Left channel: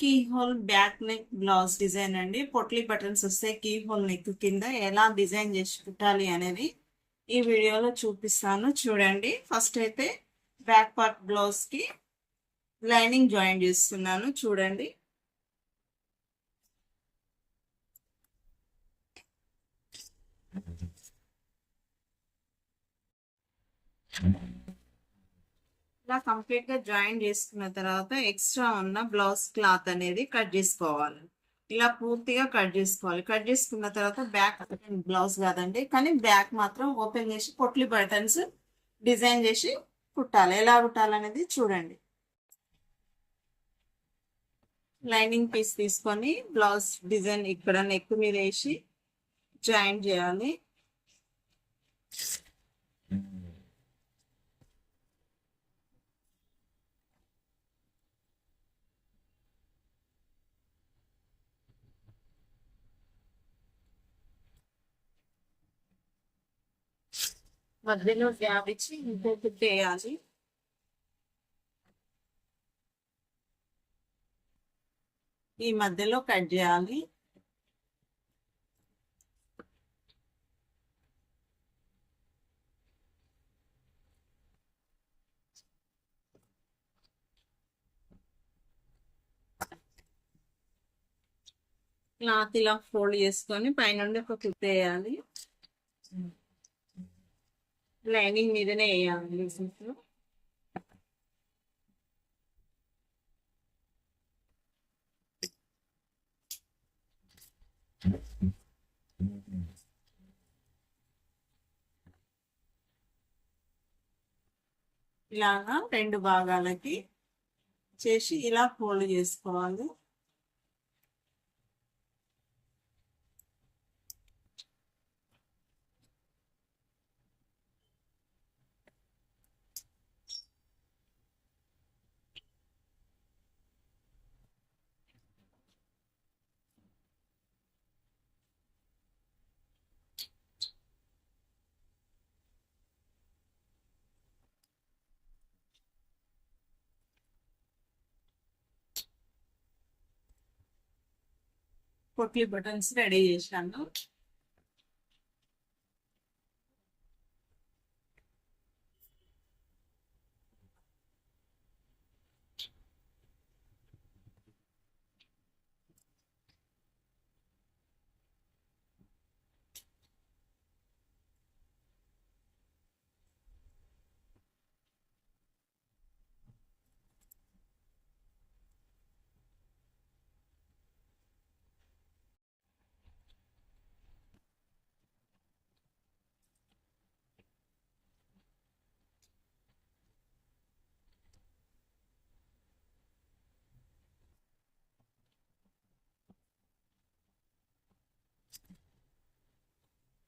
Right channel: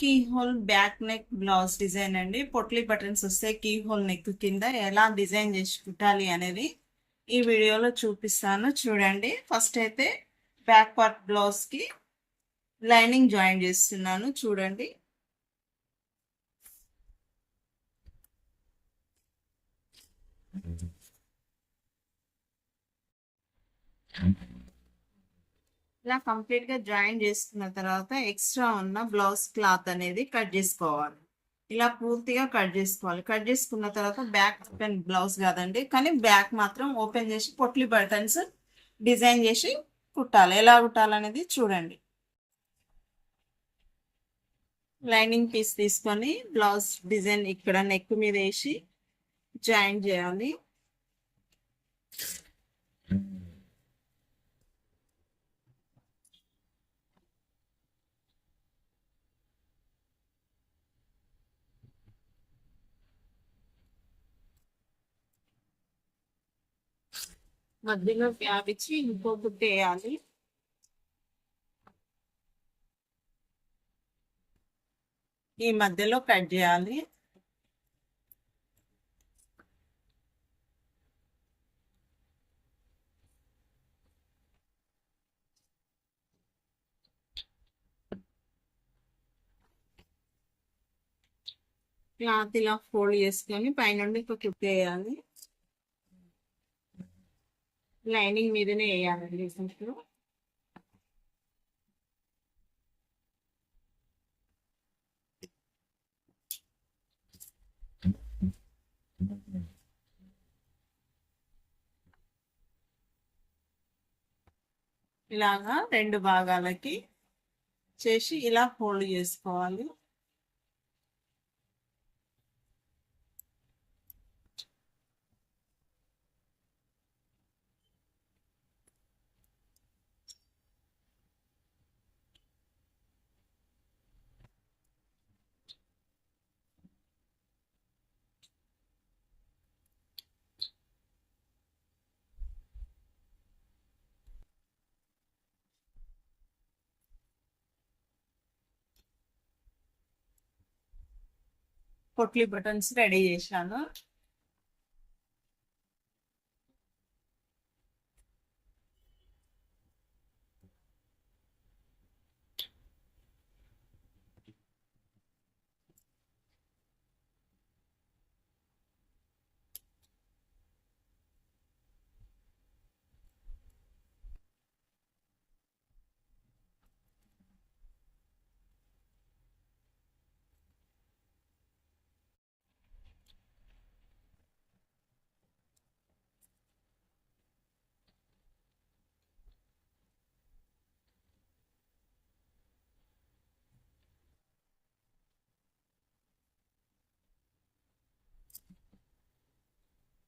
Key hole back neck blouse design అండి. Potli buttons వస్తే keyhole neck కింద ఎలా డిజైన్ చేసి కుట్టాలి అనేది ఈ వీడియోలో చూపిస్తాను చూడండి. ఫస్ట్ అయితే బ్యాక్ పార్ట్ బ్లౌజ్ కి లైనింగ్ జాయిన్ చేస్తున్నాను చూడండి. ఇలా కంప్లీట్ గా జాయిన్ చేసుకున్న తర్వాత ఎక్స్ట్రా ఉన్న బ్లౌజ్ క్లాత్ అనేది కట్ చేసుకోవాలి. ఇలా పూర్తిగా కట్ చేసుకోవాలి. కట్ చేసుకున్న తర్వాత బ్యాక్ ఓపెన్ బ్లౌజ్ కాదండి, కానీ బ్యాక్ మాత్రం ఓపెన్ చేసి పొట్లీ బటన్స్ డిజైన్ చేసి కుట్టాలి. ఎలా కుట్టాలనేది చూడండి. లైనింగ్ పీస్ తీసుకొని బ్లౌజ్ డిజైన్ ఇక్కడ నెక్ మీద వేసి జాయిన్ చేయాలి. మధ్యలో గ్యాప్ ఇచ్చి ఇంకో కుట్టు వేయాలి. ఈ మధ్యలో కట్ చేయాలి. క్లాత్ ఇలా ఫోల్డ్ చేసుకొని పైనుండి ఒక కుట్టు వేయాలి. లైనింగ్ మీదనే వేయాలండి. ఇలాగా రెండు భాగాలకి చేసి ఇలా ఫోల్డ్ చేసుకోవాలి. పొట్లీ బటన్స్ రెడీ చేశాను.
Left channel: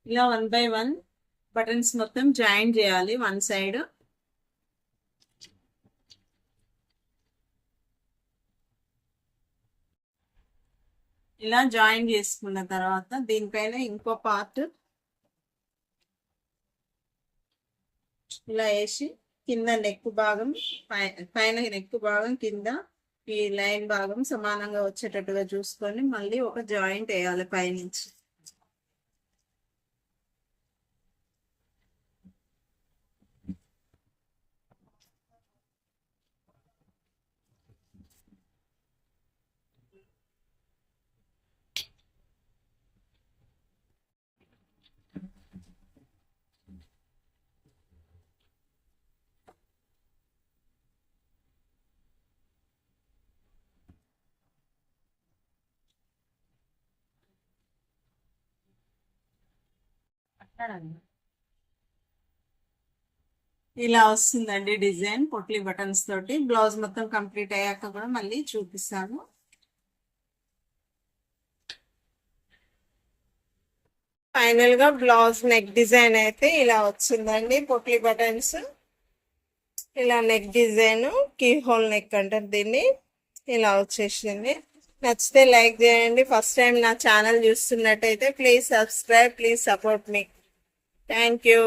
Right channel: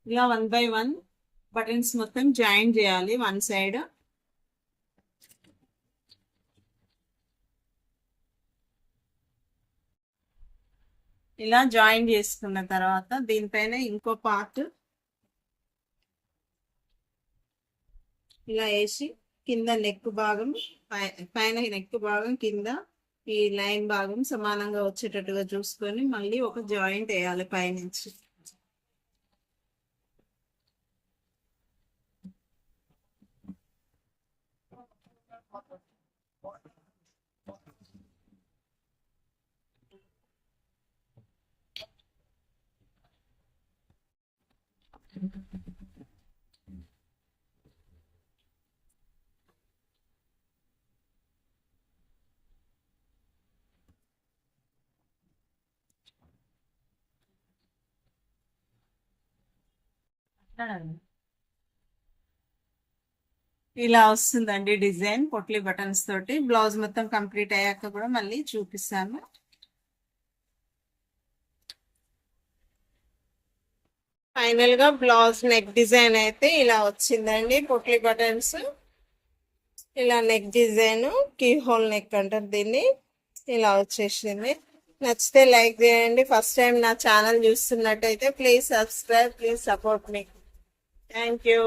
ఇలా 1 by 1 బటన్స్ మొత్తం జాయిన్ చేయాలి వన్ సైడ్. ఇలా జాయిన్ చేసుకున్న తర్వాత దీనిపైన ఇంకో పార్ట్ ఇలా వేసి కింద నెక్ భాగం పైన నెక్ భాగం కింద ఈ లైన్ భాగం సమానంగా వచ్చేటట్టుగా చూసుకొని మళ్ళీ ఒక జాయింట్ వేయాలి పైనుంచి. ఇలా వస్తుందండి డిజైన్ పొట్లీ బటన్స్ తోటి. బ్లౌజ్ మొత్తం కంప్లీట్ అయ్యాక కూడా మళ్ళీ చూపిస్తాను. ఫైనల్ గా బ్లౌజ్ నెక్ డిజైన్ అయితే ఇలా వచ్చిందండి. పొట్లీ బటన్స్ ఇలా neck design keyhole neck అంటారు దీన్ని. ఇలా వచ్చేసింది. నచ్చితే లైక్ చేయండి. ఫస్ట్ టైం నా ఛానల్ చూస్తున్నట్టయితే ప్లీజ్ సబ్స్క్రైబ్, ప్లీజ్ సపోర్ట్ మీ. Thank you.